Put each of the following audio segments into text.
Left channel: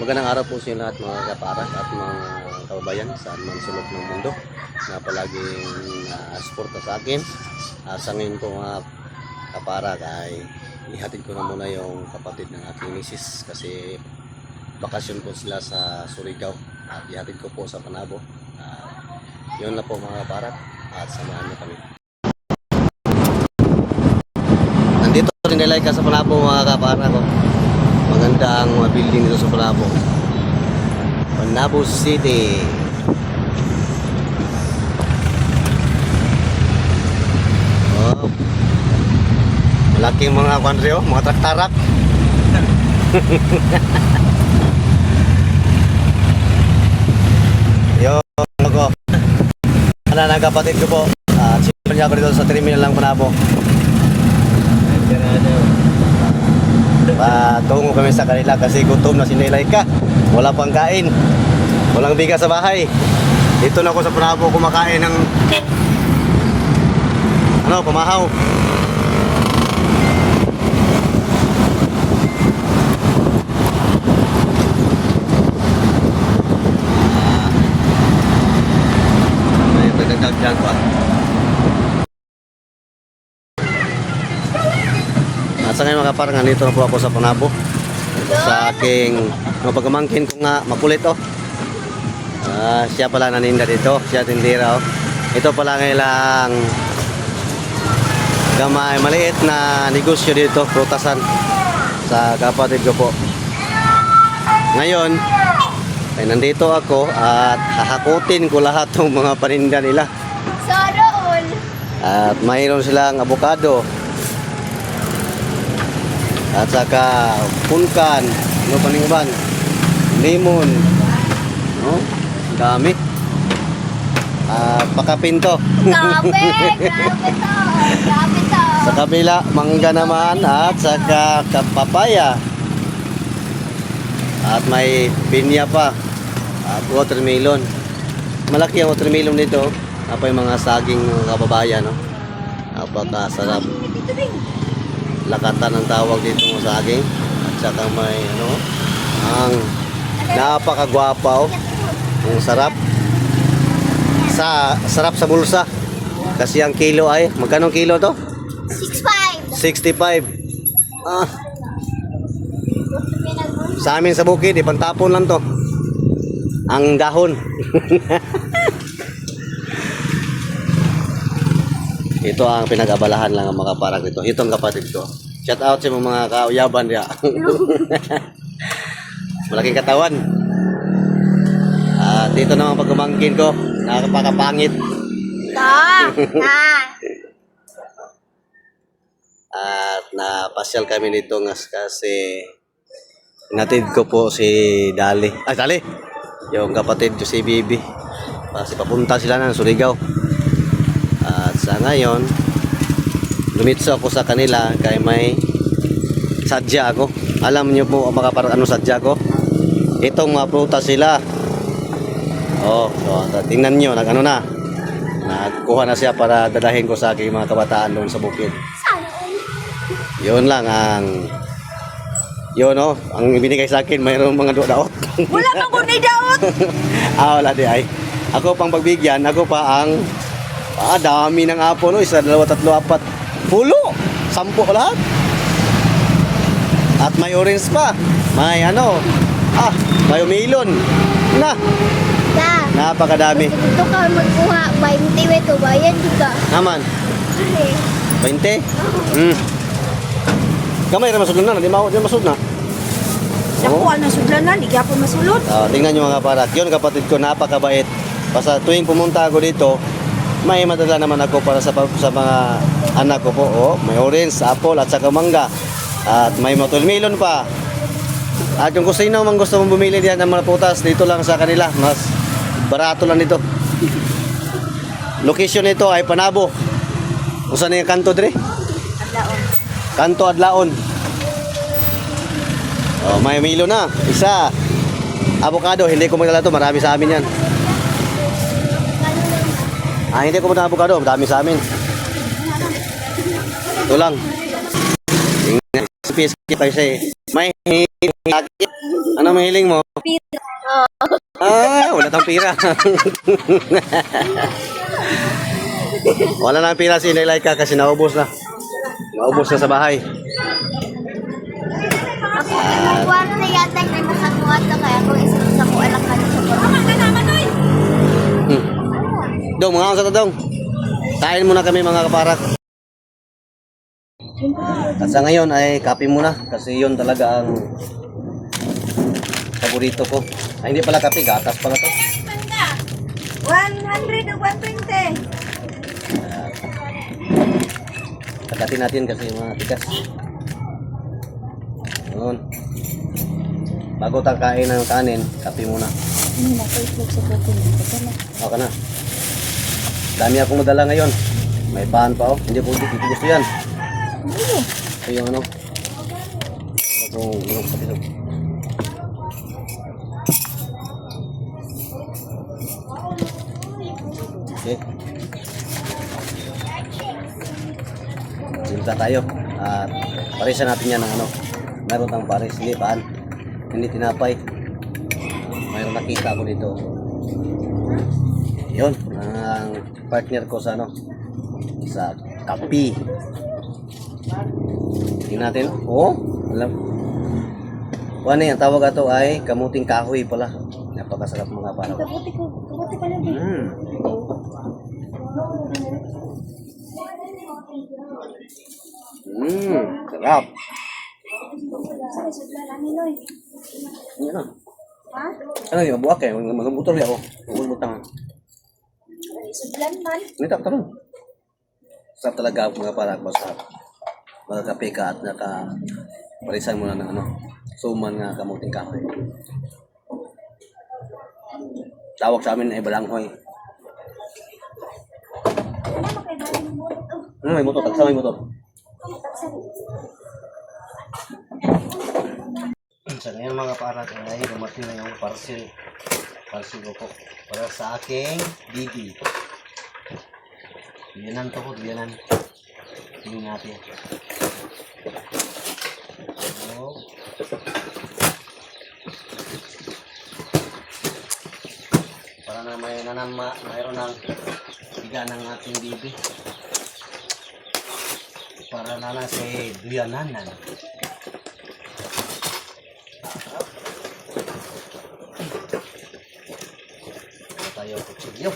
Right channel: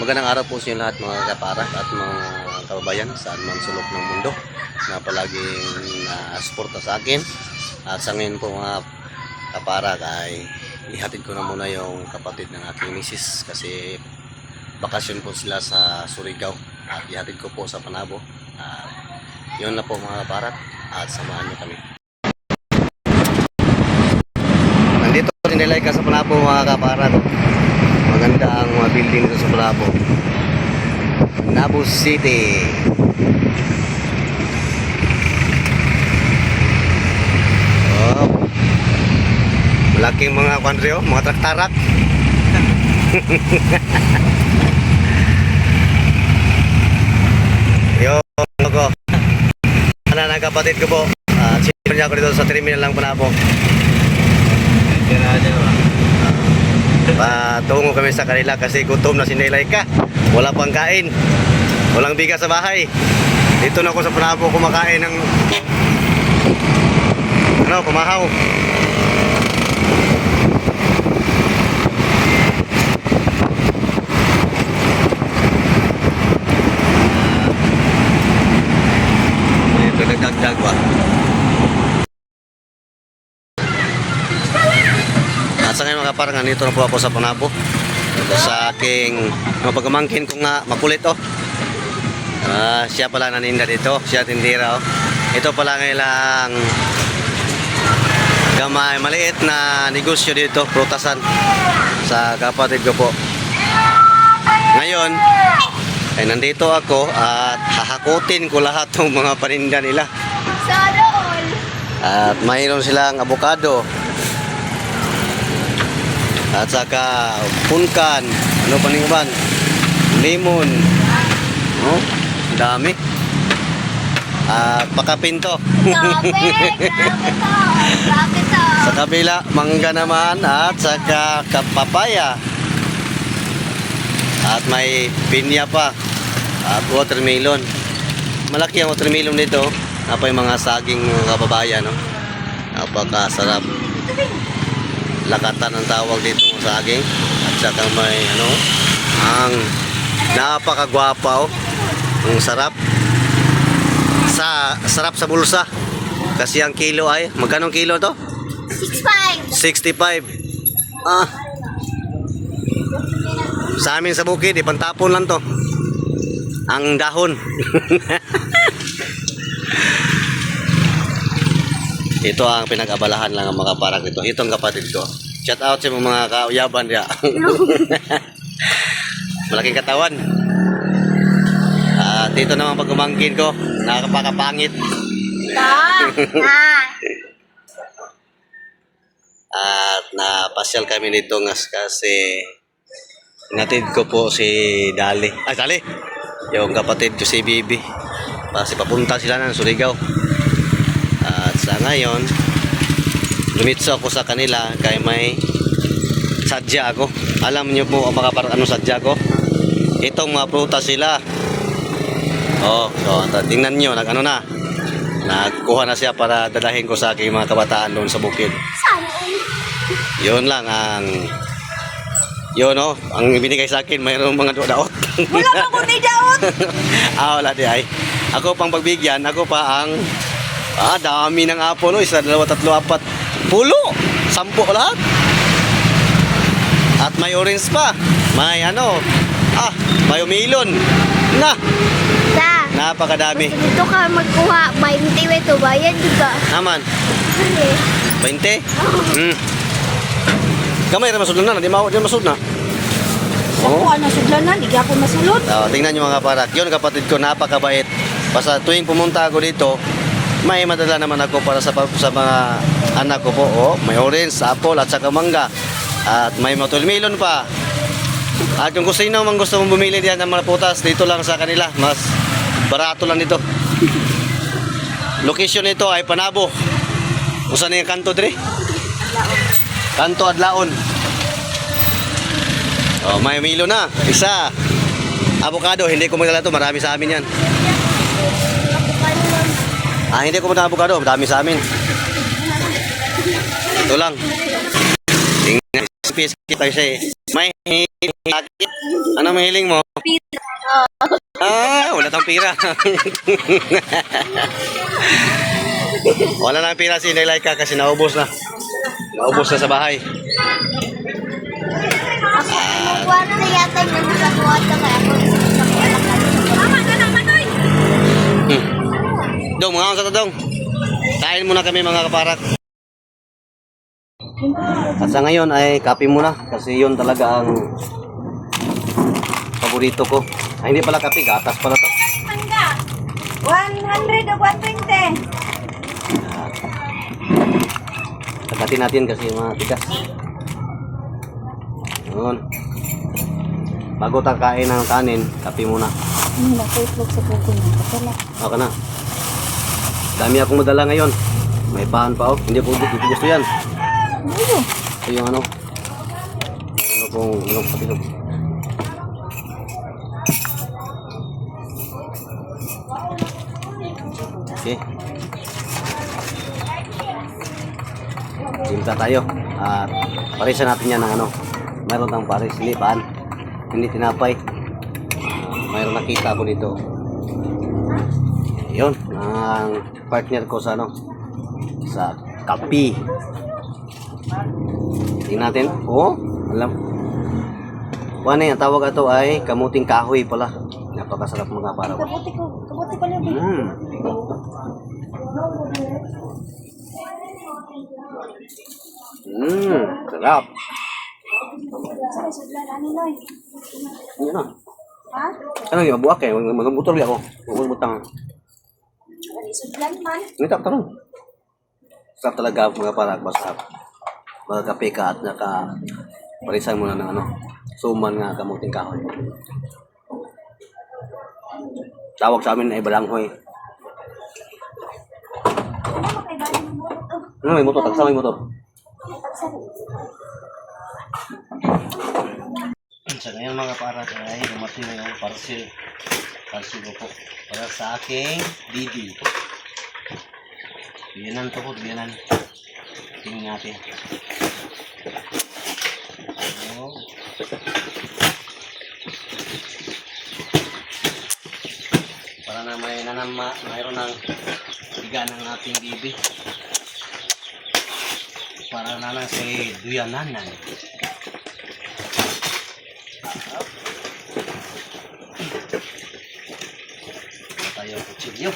Magandang araw po sa inyo lahat mga kaparak at mga kababayan saan man sulok ng mundo na palaging suporta sa akin. At sa ngayon po mga kaparak ay ihatid ko na muna yung kapatid ng aking misis kasi bakasyon po sila sa Surigao at ihatid ko po sa Panabo. Yun na po mga kaparak at samahan nyo kami. Nandito rin nilay ka sa Panabo mga kaparak ko. Maganda ang mga building dito sa Panabo. Panabo City. Oh. Malaking mga kwanryo, mga traktarak. Yo, ko. Ano na kapatid ko po. Sino niya ako dito sa terminal ng Panabo. Patungo kami sa kanila kasi gutom na sinilay ka. Wala pang kain. Walang bigas sa bahay. Dito na ako sa Panabo kumakain ng pamahaw. May nagdagdag pa. Sa ngayon mga kaparang, nandito na po ako sa Panabo. Ito sa aking pagkamangkin ko nga makulit siya pala naninda dito, siya tindira Ito pala ngailang gamay, maliit na negosyo dito, prutasan sa kapatid ko po. Ngayon ay nandito ako at hahakutin ko lahat ng mga paninda nila. At mayroon silang avocado at saka punkan, ano pa ning iban, lemon, dami. At pakapinto. Sa kabila mangga naman at saka kapapaya. At may pinya pa at watermelon. Malaki ang watermelon nito. Apa yung mga saging mga kababayan, napakasarap. Lakatan ang tawag dito ng saging at saka may ang napakagwapa ang sarap sa bulsa kasi ang kilo ay magkano kilo to? 65. Sa amin sa bukid ipantapon lang to ang dahon. Ito ang pinag-abalahan lang ang mga kaparang dito. Itong kapatid ko. Shout out sa mga kauyaban niya. Malaking katawan. Dito naman pagkumangkin ko. Nakakapakapangit. At napasyal kami dito kasi natid ko po si Dali. Dali! Yung kapatid ko si Bibi. Kasi papunta sila ng Surigao. At sa ngayon lumitso ako sa kanila kaya may sadya ako. Alam niyo po mga kaparang ano sadya ko? Itong mga prutas sila. So tingnan niyo nagkuha na siya para dalahin ko sa aking mga kabataan doon sa bukid. Yun lang ang ang ibinigay sa akin. Mayroong mga daot. Wala pa ko may daot. Wala di ay. Ako pang pagbigyan, ako pa ang dami ng apple, 1, 2, 3, 4, 10, 10 lahat. At may orange pa. May may melon. Napakadami. Dito ka magkuha, 20 ito, bayan juga. Naman. 20? Kamay rin masudlan na, di masud na. Nakuha na sudlanan, hindi ako masulod. Tingnan nyo mga kaparak. Yun kapatid ko, napakabait. Basta tuwing pumunta ako dito, may madala naman ako para sa mga anak ko po. May orange, apple at saka mangga. At may watermelon pa. At kung gusto nyo gusto mong bumili diyan ng mga putas, dito lang sa kanila. Mas barato lang dito. Location nito ay Panabo. Kung saan yung kanto dire? Kanto Adlaon. May milo na. Isa. Avocado. Hindi ko magdala to. Marami sa amin yan. Hindi ko magdala avocado. Marami sa amin. Ito lang. Tingnan. May hiling. Ano mahiling mo? Wala tang pira. Wala na pira si Inday Laika kasi naubos na. Naubos na sa bahay. Buwan na yata yung nagkakatuan ka kaya ako isang sa ko anak ka sa Dong, mga sa dong. Kain muna kami mga kaparak. At sa ngayon ay kape muna kasi yun talaga ang paborito ko. Ay, hindi pala kape, gatas pala to. 100 o 120. Tagatin natin kasi yung mga tigas. Yun. Bago tayo kain ng kanin, kape muna. Naka-itlog sa buko niya. Kasala. Okay na. Dami akong madala ngayon. May bahan pa oh. Hindi po gusto yan. Ito yung ano. Ano pong patilog. Okay. Silta tayo. At parisan natin yan ng ano. Meron ng paris. Hindi paan. Hindi tinapay. Mayroon nakita ko dito. Yun. Ang partner ko sa ano. Sa kape. Tingnan natin. Oh, alam. Ano yan? Tawag ito ay kamuting kahoy pala. Napakasarap mga para ko. Kabuti pala din. Sarap. Sorry, sudlan ani noy. Yan na. Ha? Ano yung mabuak eh. Magbutor li ako. Magbutang. Sudlan man. Nita ko tanong. Sarap talaga mga para basta magkape ka at parisan mo na ng ano. Suman nga kamuting kahoy. Tawag sa amin ay balanghoy. Ano mo kay bali mo mo to? Ano may motor? Tagsama may motor. Sa ngayon mga para ay dumating ng parcel. Parcel ko po. Para sa aking bibi. Biyanan to po, biyanan. Tingnan natin. Oh. Para na mayroon ng biga ng ating bibi. Para na lang sa duyananan. Wala tayo kutsilyo.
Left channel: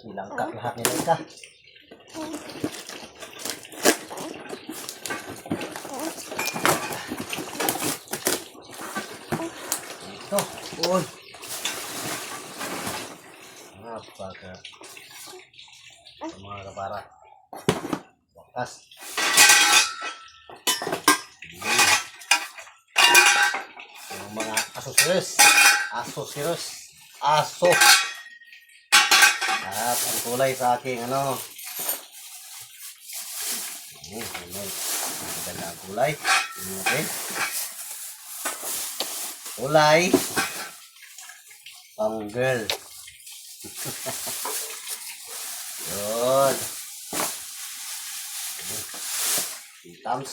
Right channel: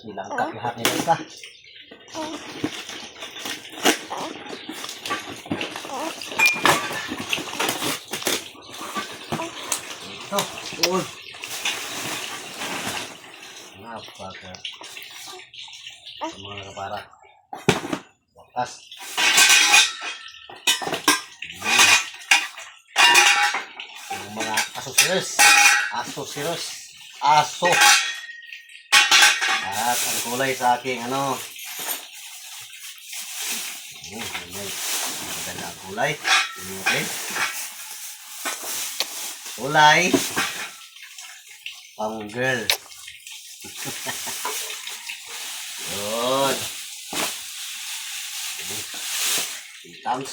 Nilangkat lahat nila ka. Ito. Uy. Napaka. Mga kapara. Wakas. Yung mga asosiros. Asosiros. Aso. At ang kulay sa aking ano. Maganda ang kulay. Okay. Kulay. Pang girl. Good. Thumbs.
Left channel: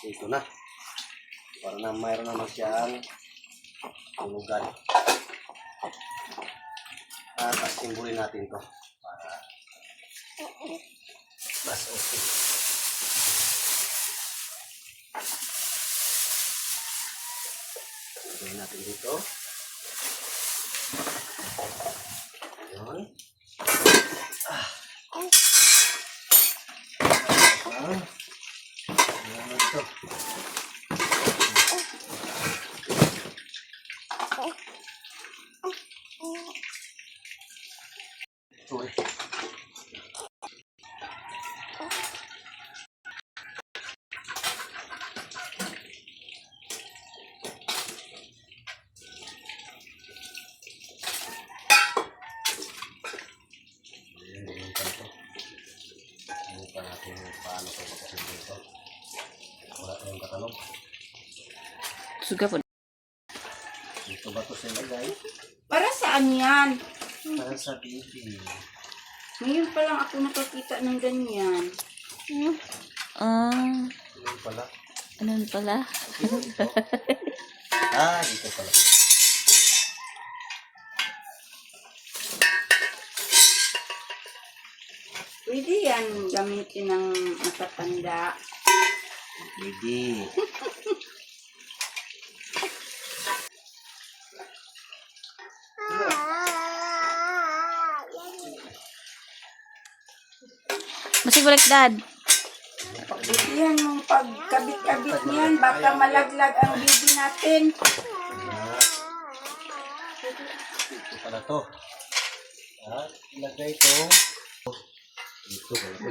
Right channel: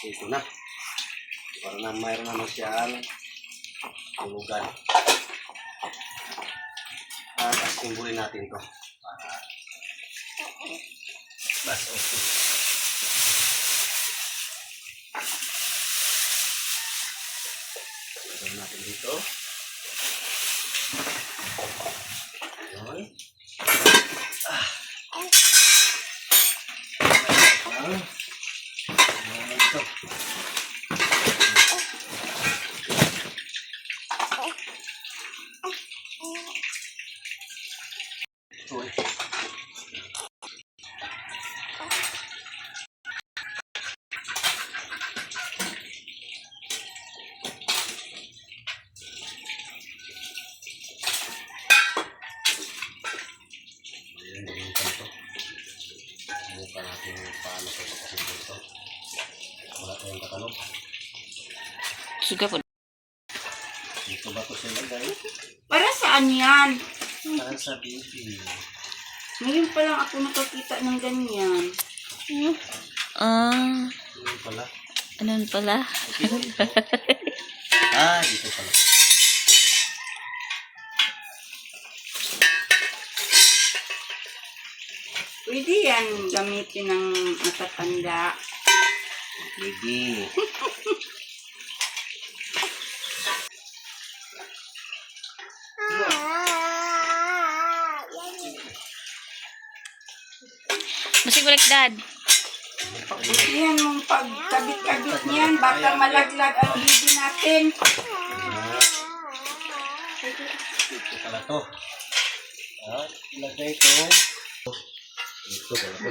Ito na. Para na mayroon naman siyang tulugan. Asimbulin natin to para mas okay. Gawin natin dito. Ayan. Ayan ito. Uy. Wala tayong katalog. Suga po. Dito ba ito siya lagay? Para saan yan? Para sa baby. Ngayon pa lang ako nakakita ng ganyan. Ano pala? Ano pala? Dito pala. Pwede yan gamitin ng matatanda. Baby. Masig baliktad. Pagputihan mong pagkabit-kabit niyan, baka malaglag ang baby natin. Dito pala to. Ilagay ito. Dito pala to.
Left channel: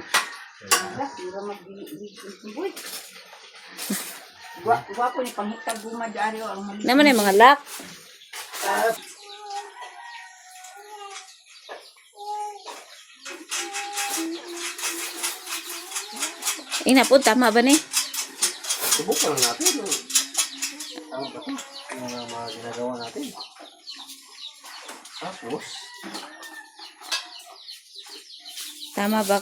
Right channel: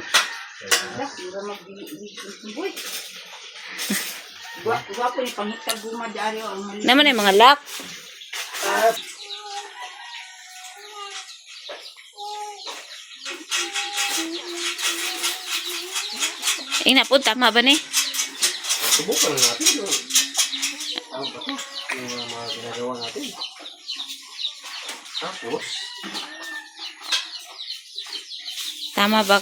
Wala, sira magbili-bili. Gwapo ni panghitag gumadari ang mali. Naman yung mga lock. Ina po, tama ba ni? Subukan lang natin. Tama ba ito? Yung mga ginagawa natin. Tapos, Tama ba?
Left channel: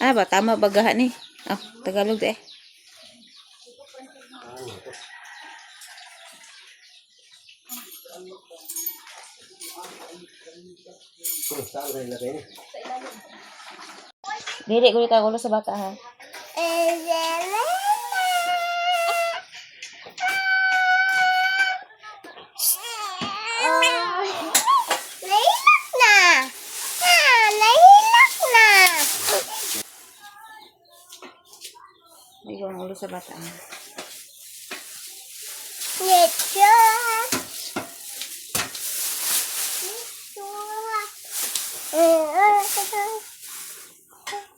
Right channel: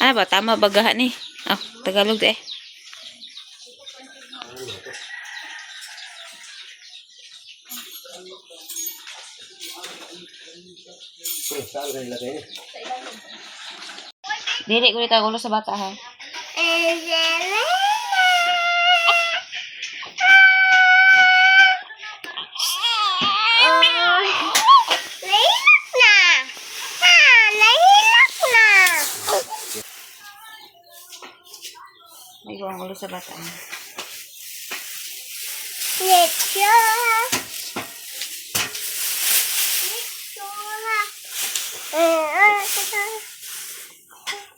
Ano ba? Tama ba gaha ni? Oh, Tagalog eh. saan ka ilagay niya? Dili ko dito gulo sa bata ha. Nahilak na! Nahilak na! May ang gulo sa bata. Let's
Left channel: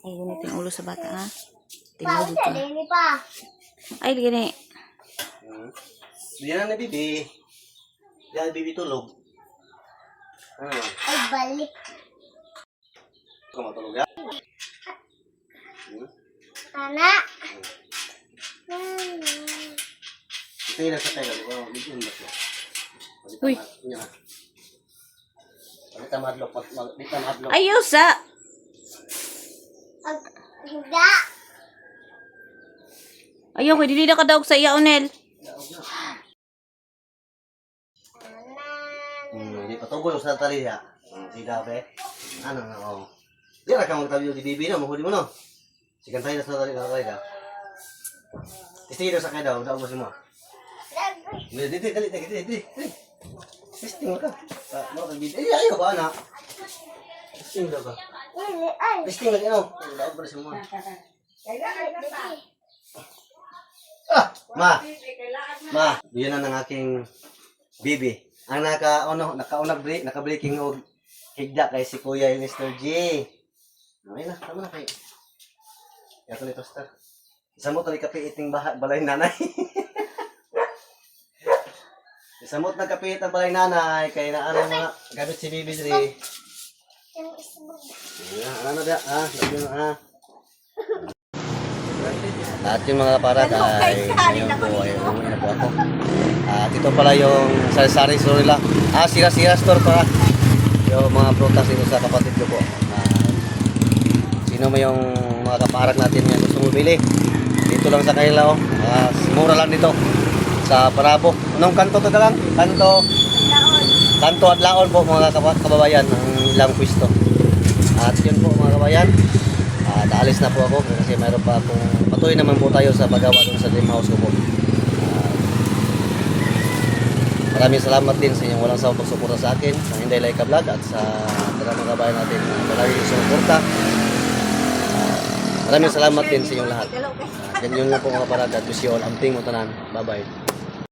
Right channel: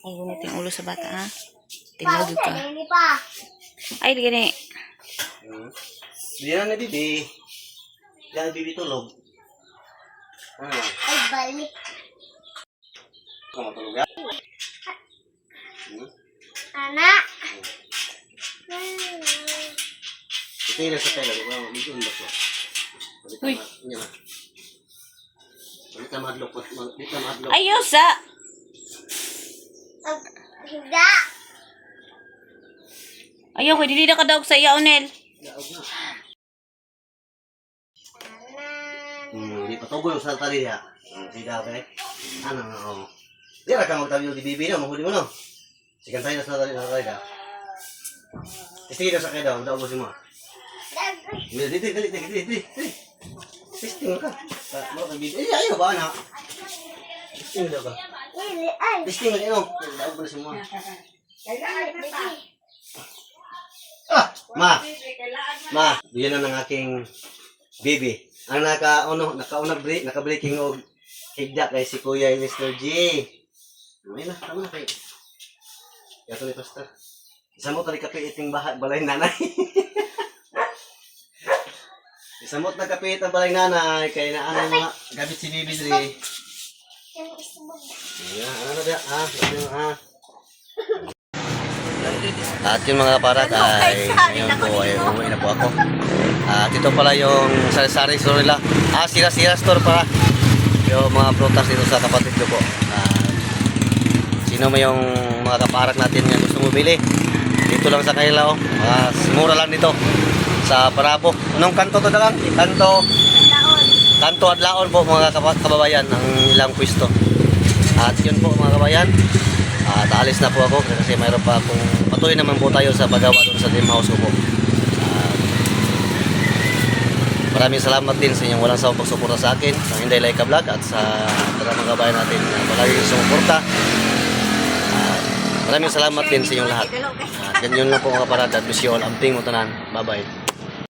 Ay, gunit yung ulo sa bata ha. Tilaw ka. Hindi pa. Ay, gani. Hindi na bibi. Yan, bibi tulog. Ay, balik. Ikaw matulog yan? Anak. Ito yung nasa tayo. Dito yung baso. Uy. Dito madlok. Dito madlok. Ayaw sa. Higa. Ayaw ko, dili na kadaog sa iya, Onel. Hindi pa tugoy sa tali ha. Si Dabe. Ano na oh. Di ra ka magtabi di bibi na mahuli mo no. Sigan tayo sa tali na tayo. Testing sa kaya daw, daw mo. Dili. Testing ka. Mo ka bibi. Ayaw ba na? Testing daw ka. Ay. Testing lagi no. Daw ba si mo? Ma, diyan na ng aking bibi. Ang naka-breaking og higda kay si Kuya Mr. G. Ay na, tama na kay. Yato ni Pastor. Isa mo tali kapiit ng balay nanay. Isa mo na kapiit ang balay nanay kay na ano mga gamit si bibi diri. Ano na dia? At yung mga kaparag ay ngayon po ay umuwi na po ako. At ito pala yung sari-sari store nila. Sira-sira store pala. Yung mga prutas dito sa kapatid ko po. Sino mo yung mga kaparag natin nga gusto mo bili? Dito lang sa Kailao. Mura lang dito. Sa Parabo. Anong kanto to na lang? Kanto Adlaon po mga kababayan ang ilang pwesto. At yun po mga kababayan. Aalis na po ako kasi mayroon pa akong patuloy naman po tayo sa paggawa doon sa dream house ko po. Maraming salamat din sa inyong walang sawang pagsuporta sa akin sa Inday Laika Vlog at sa mga kabayan natin na palagi sumuporta. Maraming salamat din sa inyong lahat. Ganyan lang po mga kaparad at wish you all amping mo tanan. Bye bye.